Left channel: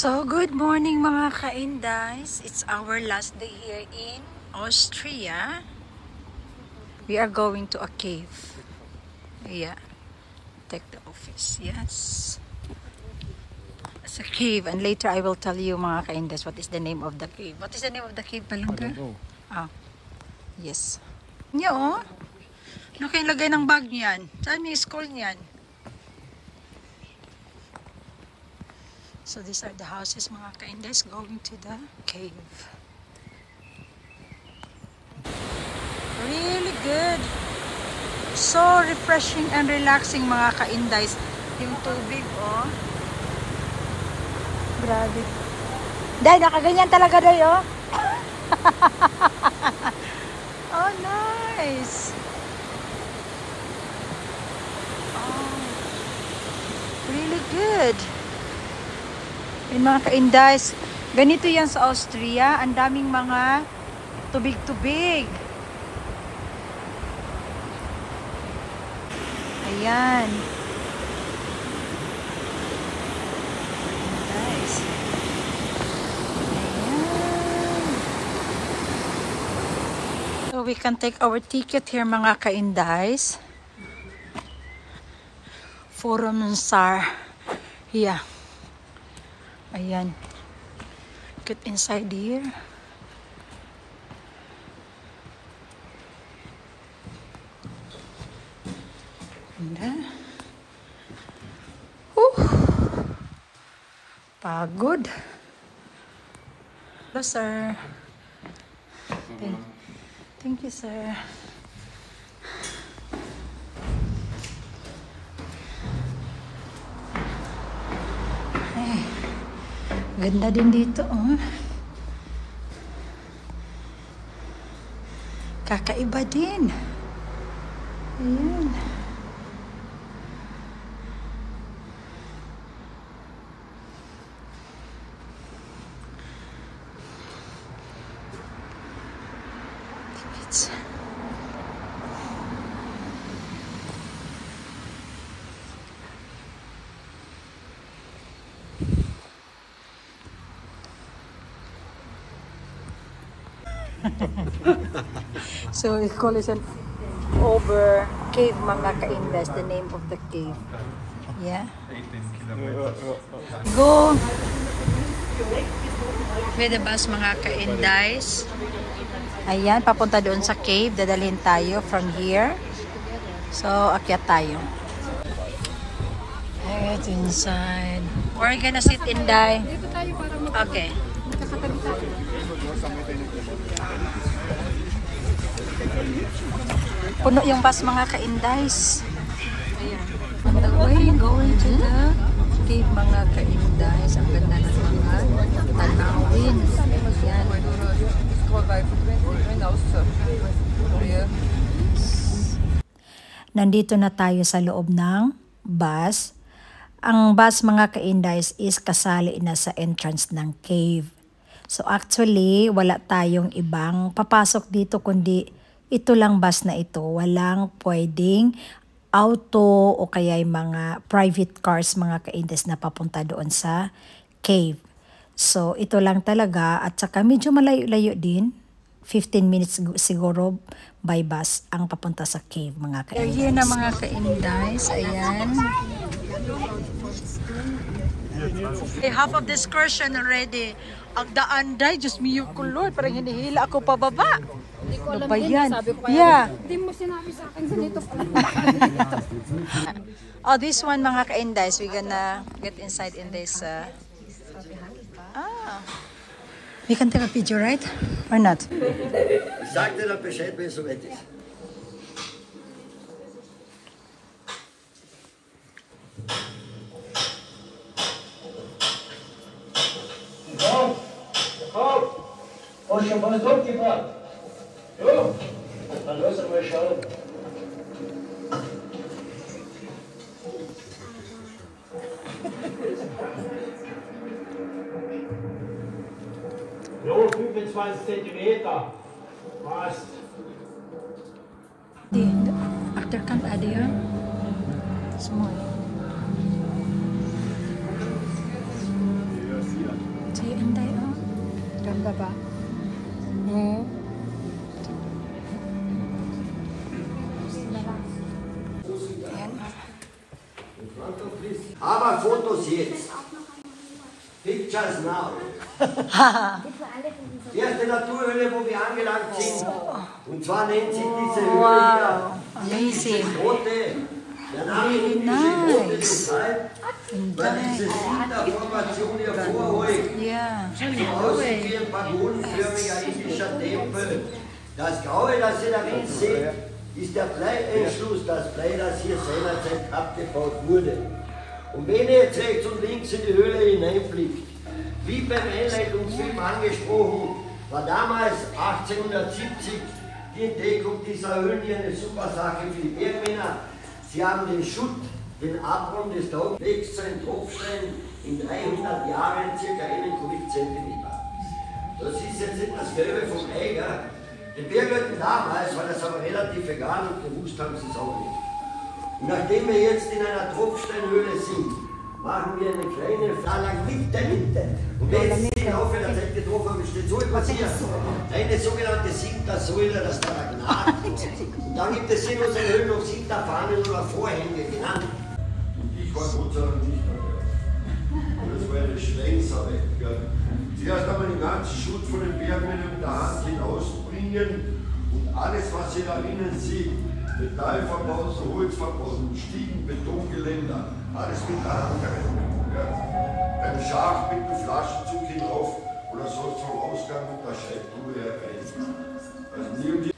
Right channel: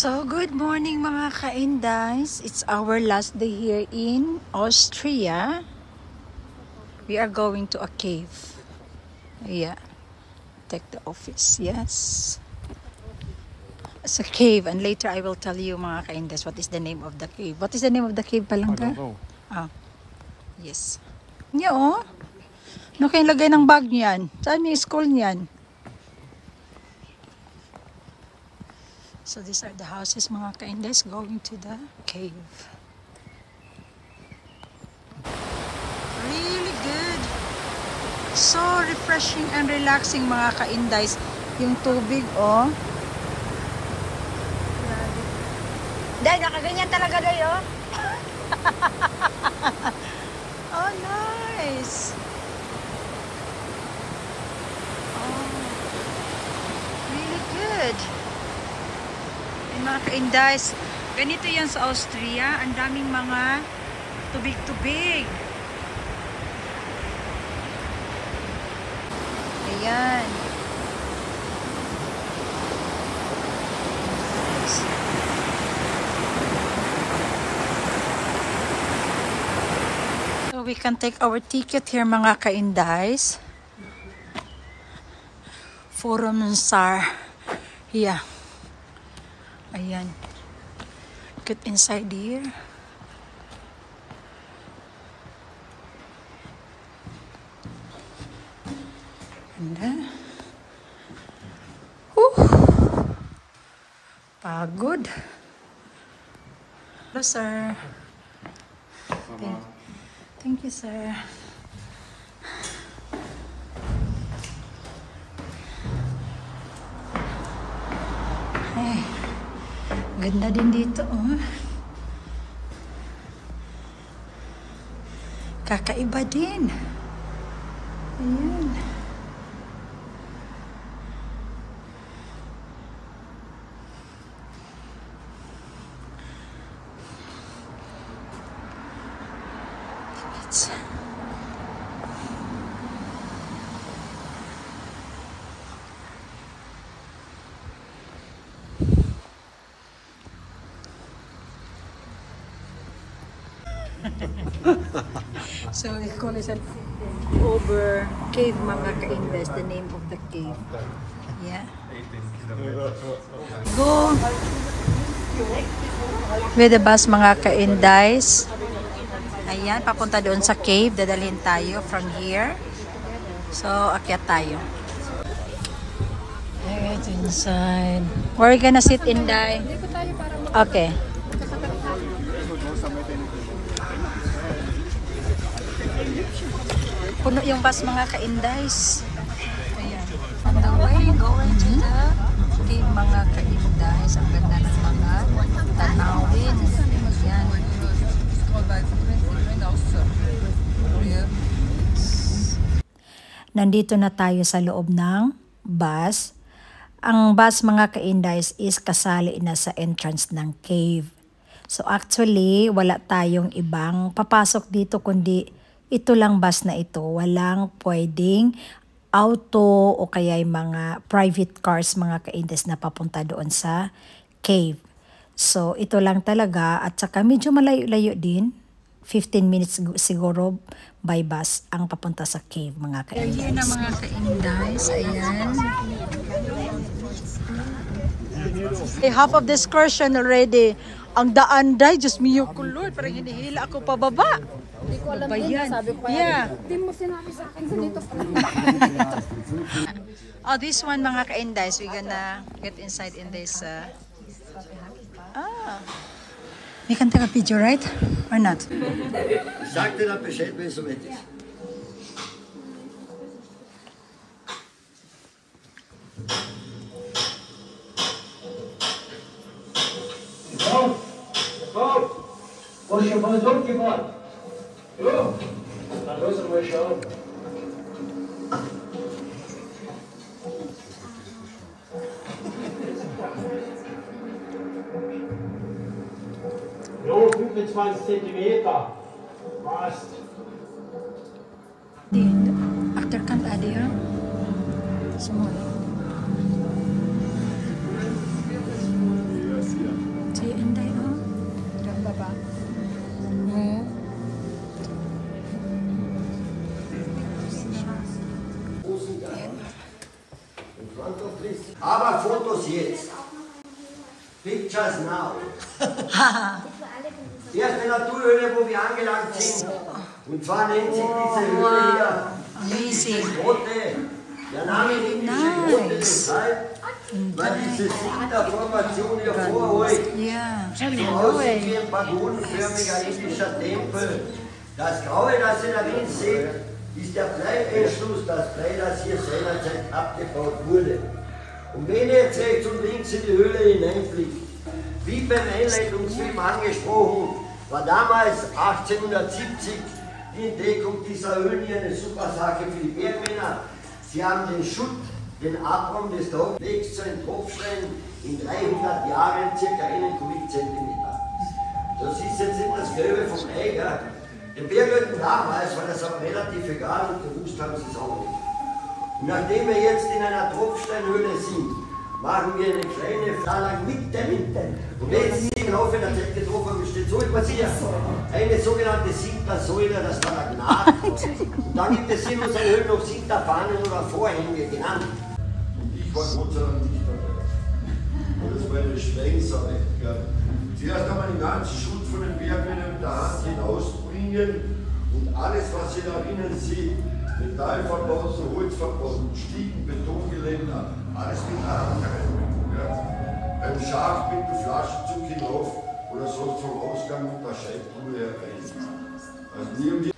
So, good morning mga ka-Indies. It's our last day here in Austria. We are going to a cave. Yeah. Take the office. Yes. It's a cave and later I will tell you mga ka-Indies what is the name of the cave. What is the name of the cave, Palangga? I don't know. Ah. Yes. Niya oh. Ano kayong lagay ng bag niyan? Saan yung school niyan? So these are the houses mga ka-Indies going to the cave. Really good. So refreshing and relaxing mga ka-Indies. Yung tubig oh. Grabe. Dahil nakaganyan talaga dahi oh. Oh nice. Oh. Really good. Yung mga ka-Indies, ganito yan sa Austria. Ang daming mga tubig-tubig. Ayan. Nice. So we can take our ticket here mga ka-Indies. Forum Sar. Yeah. Ayan. Get inside here. And pagod. Hello, sir. Thank you, sir. Ganda din dito, oh. Kakaiba din. Ayan. So we call it an over cave mga ka-Indies, the name of the cave. Yeah. 18 kilometers. Go with the bus mga ka-Indies. Ayan, papunta doon sa cave. Dadalhin tayo from here. So, akyat tayo. Right inside. Where are you gonna sit, Inday? Okay. Puno yung bus mga ka-Indies. Ayan. On the way, going to the cave mga ka-Indies. Ang ganda ng mga tanawin. Ayan. Nandito na tayo sa loob ng bus. Ang bus mga ka-Indies is kasali na sa entrance ng cave. So actually, wala tayong ibang papasok dito kundi ito lang bus na ito. Walang pwedeng auto o kaya yung mga private cars mga ka-Indies na papunta doon sa cave. So ito lang talaga at saka medyo malayo-layo din. 15 minutes siguro by bus ang papunta sa cave mga ka-Indies. Here na mga ka-Indies. Ayan. Half of the excursion already. Ang daan day, just me yung kulor. Parang hinihila ako pababa. Ano ba yan? Yeah. Oh, this one mga ka-Indies. We're gonna get inside in this. We can take a picture, right? Or not? Sag dir dann Bescheid, wenn es soweit ist. Hast du schon was abgefahren? Ja, dann lass uns mal schauen. Ja, 25 Zentimeter. Passt. Achterkant ada ya. Semua. Fotos jetzt. Pictures now. Die erste Naturhöhle, wo wir angelangt sind. Und zwar nennt sich diese Höhle hier. Amazing. Dieses Rote. Der Name ist Rote deshalb, weil diese Sinter-Formation hier vor euch Yeah. so aussieht wie ein pagonenförmiger indischer Tempel. Das Graue, das ihr darin seht, ist der Bleientschluss, das Blei, das hier seinerzeit abgebaut wurde. Und wenn ihr jetzt rechts und links in die Höhle hineinblickt, wie beim Einleitungsfilm angesprochen, war damals 1870 die Entdeckung dieser Höhlen hier eine super Sache für die Bergmänner. Sie haben den Schutt, den Abraum des Tauchwegs zu einem Tropfstein in 300 Jahren ca. 1 Kubikzentimeter. Das ist jetzt nicht das Gelbe vom Ei, gell? Den Bergleuten damals war das aber relativ egal und gewusst haben sie es auch nicht. Und nachdem wir jetzt in einer Tropfsteinhöhle sind, machen wir eine kleine Fahrlang mit der Mitte. Und jetzt ist im Laufe der Zeit getroffen, steht so etwas hier. Eine sogenannte Sintersäule, das Stalagnat. Und dann gibt es in unseren Höhlen noch Sinterfahnen oder Vorhänge genannt. Und ich war Gott sei Dank nicht dabei. Das war eine Strengsache. Zuerst haben wir den ganzen Schutt von den Bergmännern mit der Hand hinausbringen und alles, was ihr da innen seht, Metallverbauten, Holzverbauten, Stiegen, Betongeländer, alles mit der Hand rein. Ja. Beim Schaf mit dem Flaschenzug hinauf oder sonst vom Ausgang mit der Scheibtruhe herein. Also nie um die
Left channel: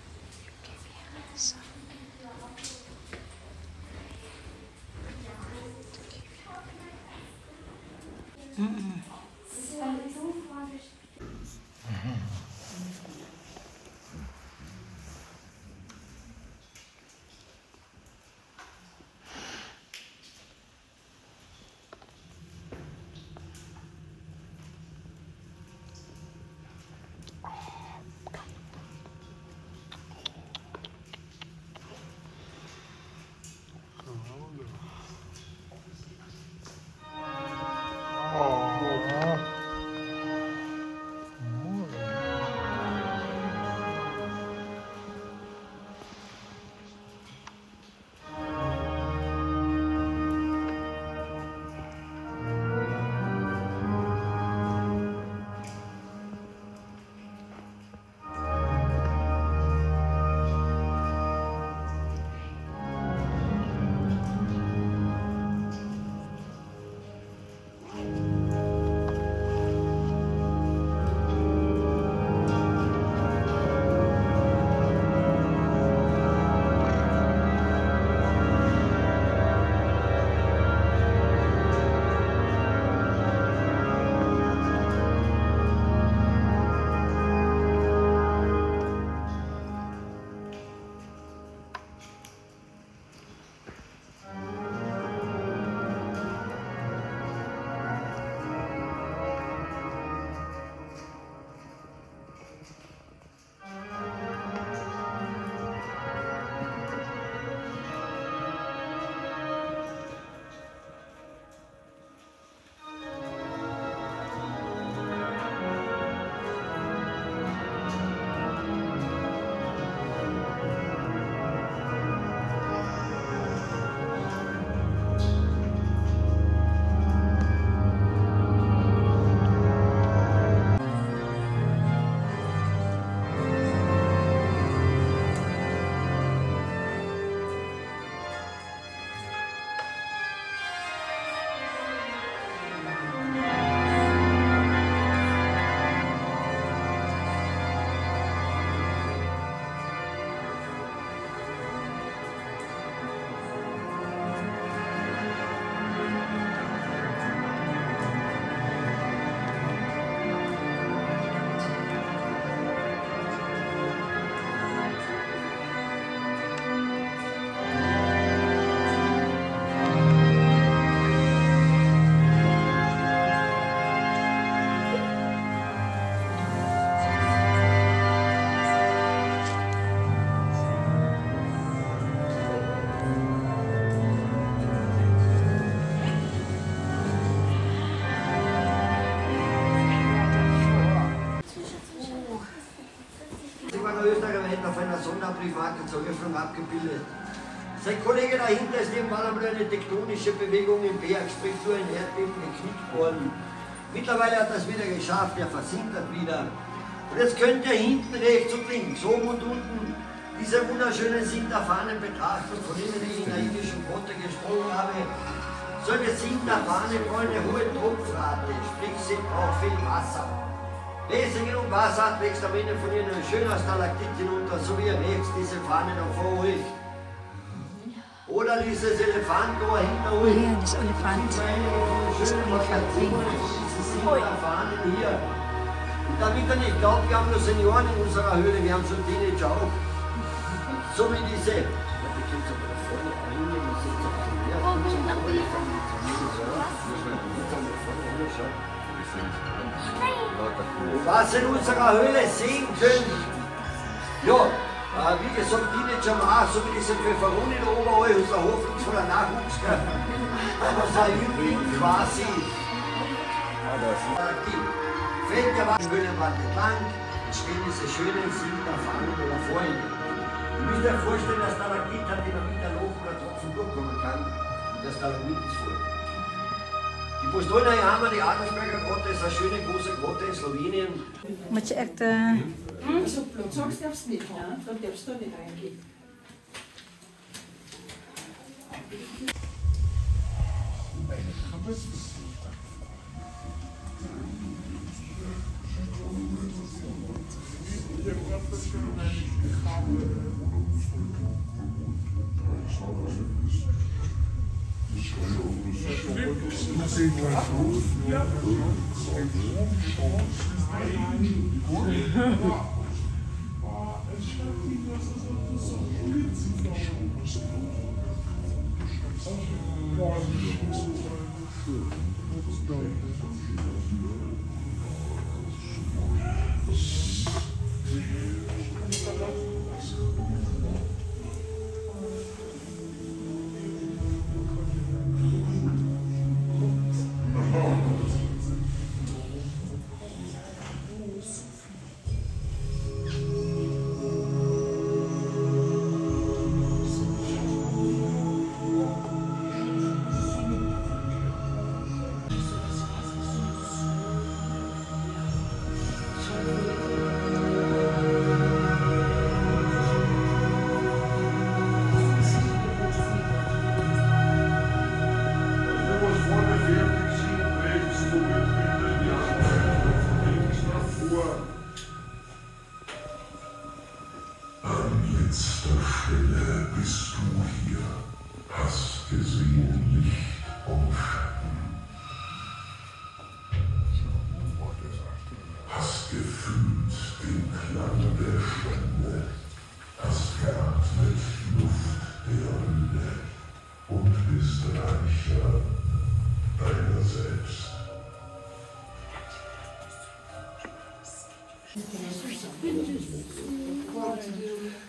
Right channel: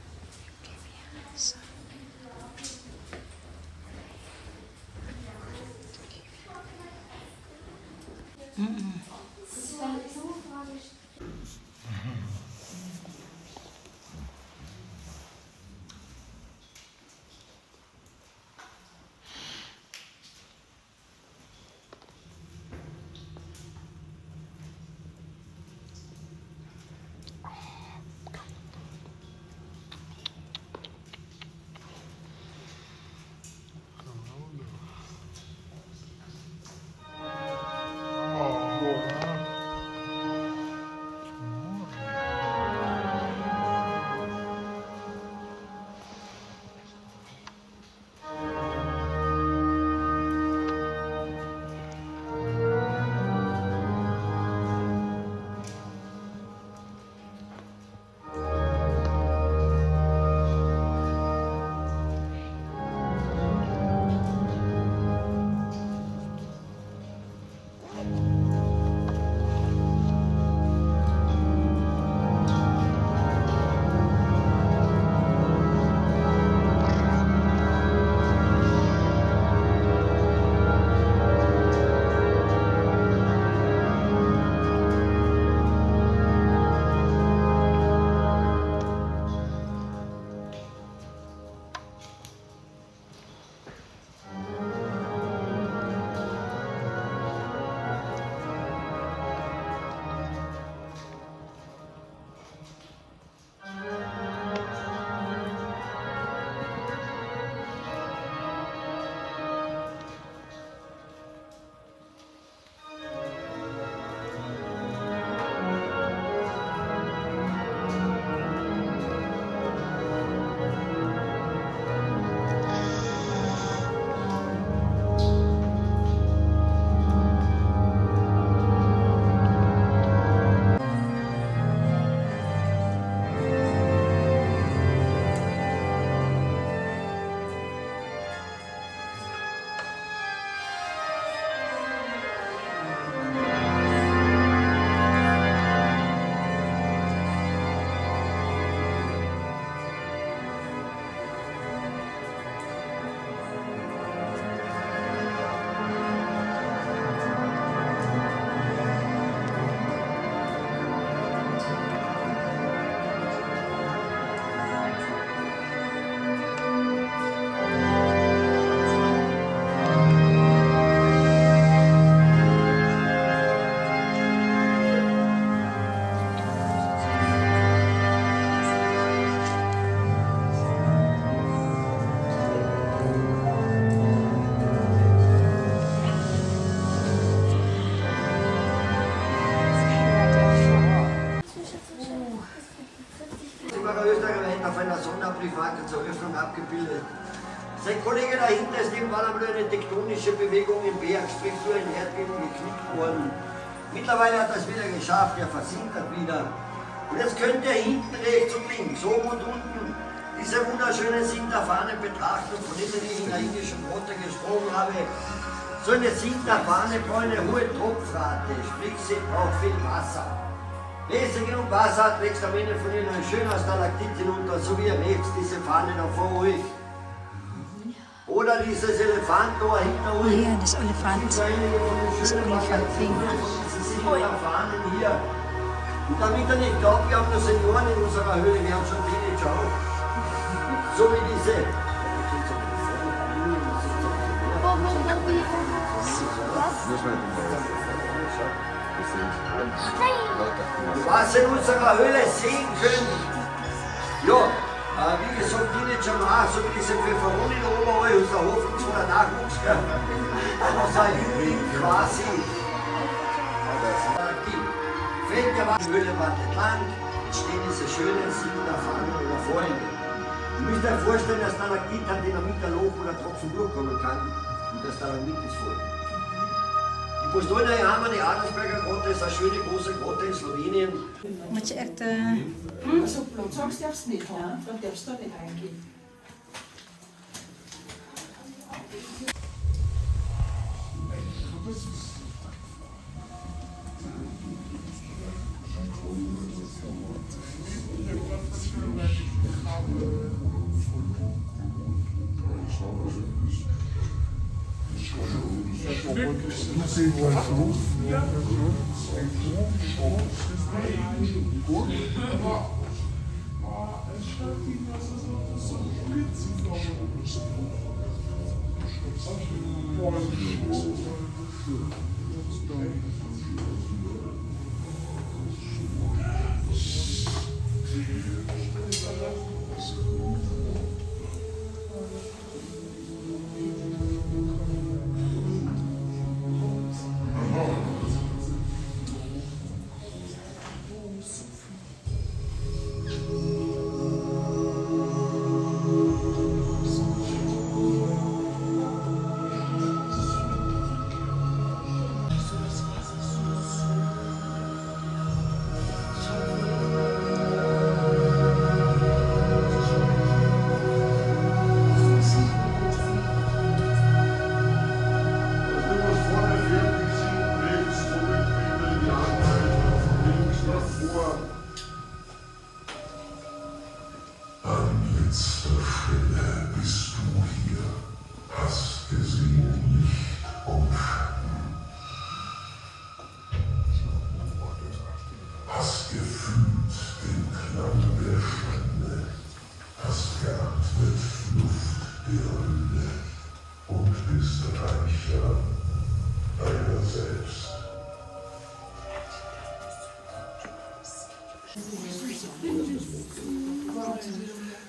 Österreicher auf einer Sonderbriefmarke zur Öffnung abgebildet. Sein Kollege dahinter ist irgendwann einmal eine tektonische Bewegung im Berg, sprich so ein Erdbeben geknickt worden. Mittlerweile hat er es wieder geschafft, er versinkert wieder. Und jetzt könnt ihr hinten rechts und links, oben und unten, diese wunderschönen Sinterfahnen betrachten, von denen ich in der indischen Grotte gesprochen habe. So eine Sinterfahne braucht eine hohe Tropfrate, sprich sie braucht viel Wasser. Wenn sie genug Wasser hat, wächst am Ende von ihnen ein schöner Stalaktit hinunter, so wie ihr merkt, diese Fahne da vor euch. Oder dieses Elefantohr hinter euch. Ja, das Elefant. Das Elefant-Ding. Hier. Und damit ihr nicht glaubt, wir haben nur Senioren in unserer Höhle, wir haben schon Teenager auch. So wie diese. Und was ihr in unserer Höhle sehen könnt, ja, wie gesagt, Teenager machen, so wie diese Pfefferoni da oben, unser hoffnungsvoller Nachwuchs, unser Liebling quasi. Fällt der Waschhöhle wartet lang, stehen diese schönen Sinterfahnen oder Vorhänge. Ihr müsst euch vorstellen, dass Stalagmit hat in der Mitte ein Loch, wo der Tropfen durchkommen kann. Und das Stalagmit ist voll. Die Postojna Jama, die Adelsberger Grotte, ist eine schöne große Grotte in Slowenien. Moet je echt... Zo plots, soms darfst du nicht, ja? Da darfst du nicht reingehen.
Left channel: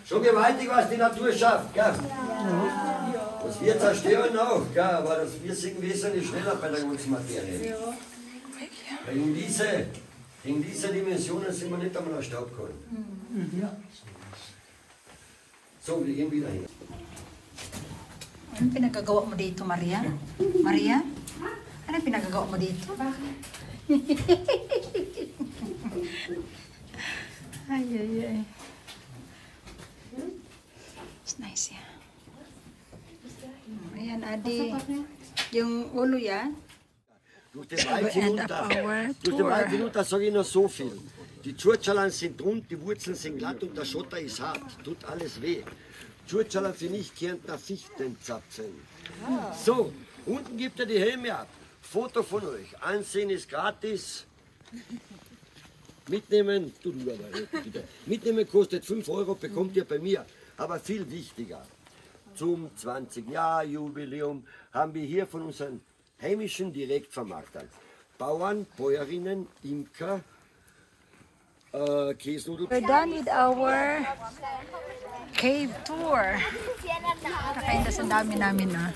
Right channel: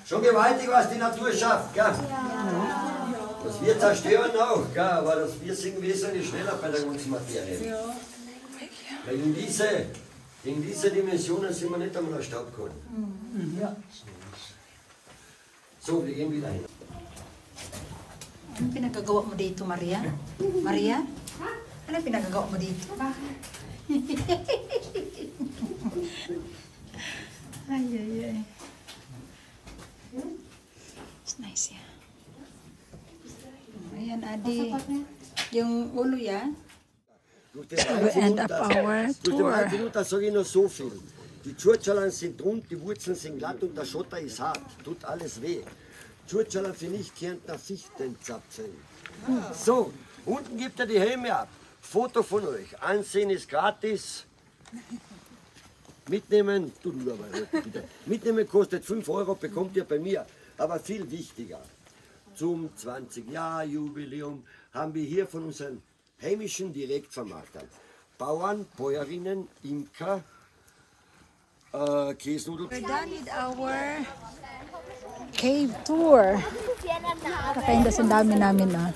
Schon gewaltig, was die Natur schafft, gell? Das wir zerstören auch, gell? Aber das wir sind wesentlich schneller bei der ganzen Materie. Weil in diese Dimensionen sind wir nicht einmal Staub geholt. So, wir gehen wieder hin. Ano pinagagawa mo dito, Maria? Maria? Ano pinagagawa mo dito? Ay, ay, ay. It's nice, yeah. Ayan, Adi. Yung ulo yan. Durch den Wald hinunter sage ich noch so viel. Die Tschurtschalern sind rund, die Wurzeln sind glatt und der Schotter ist hart. Tut alles weh. Tschurtschalern für Nicht-Kärntner Fichtenzapfen. So, unten gibt er die Helme ab. Foto von euch. Ansehen ist gratis. Mitnehmen, bitte. Mitnehmen kostet 5 €, bekommt ihr bei mir. Aber viel wichtiger, zum 20-Jahr-Jubiläum haben wir hier von unseren heimischen Direktvermarktern Bauern, Bäuerinnen, Imker, Käsnudel. We're done with our cave tour. Kakain kasi ang dami namin na.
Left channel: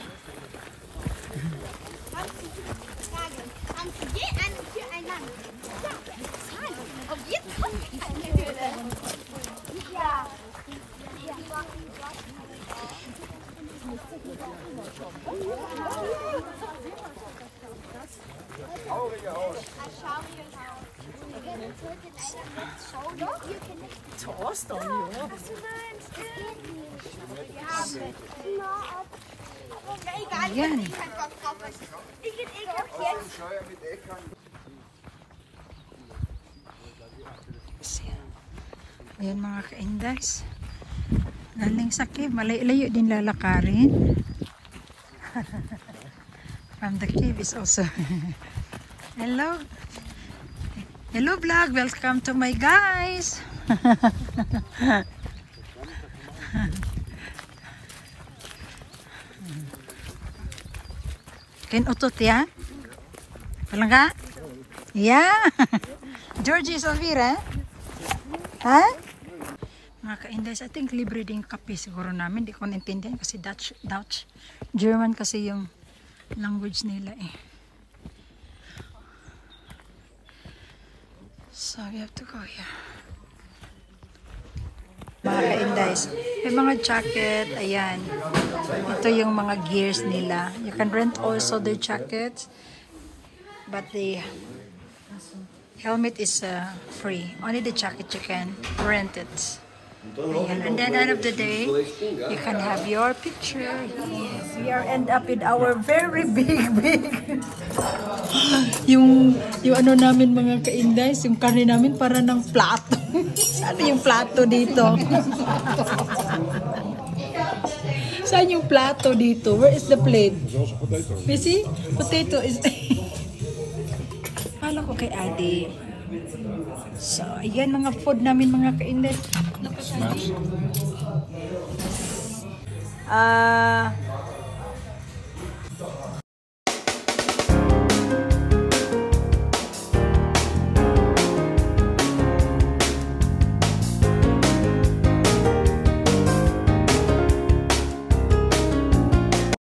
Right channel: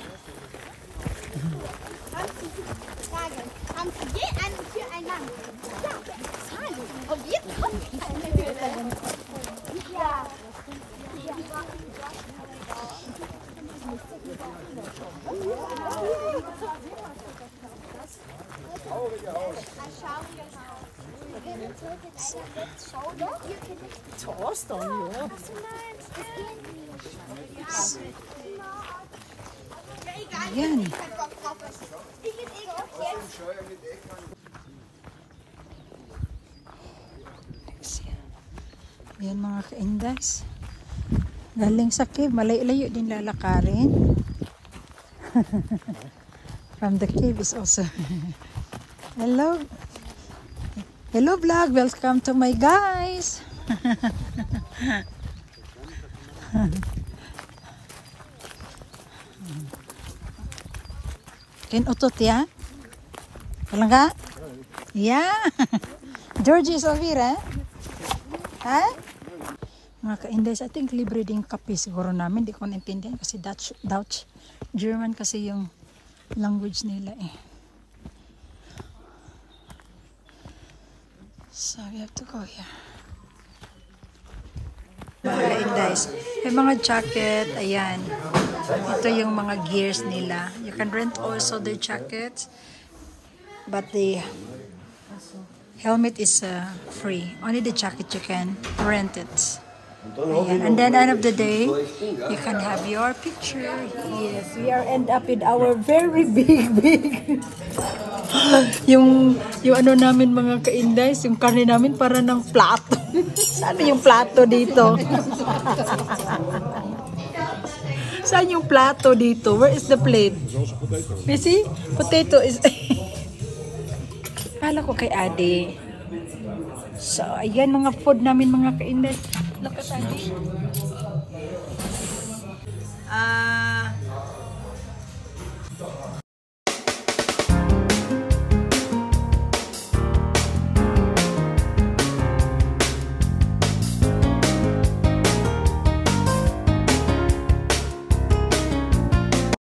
Ayan. Ayan mga ka-indas. Galing sa cave. Malayo din lalakarin. From the cave is also. Hello. Hello vlog. Welcome to my guys. Kinutot ya? Walang ka? Yeah. Georgie Solvira. Ha? Mga ka-indes, I think libre din kape siguro namin. Di ko naintindihan kasi Dutch. German kasi yung language nila eh. So we have to go here. Mga ka-indes, may mga jacket, ayan. Ito yung mga gears nila. You can rent also their jackets, but the helmet is free. Only the jacket you can rent it. Ayan. And then end of the day, you can have your picture. Yes, we are end up in our very big yung ano namin mga ka-indays, yung karne namin para ng plato. Ano yung plato dito? Saan yung plato dito? Where is the plate? You see? Potato is... Kala ko kay Ade. So, ayan mga food namin mga ka-indays.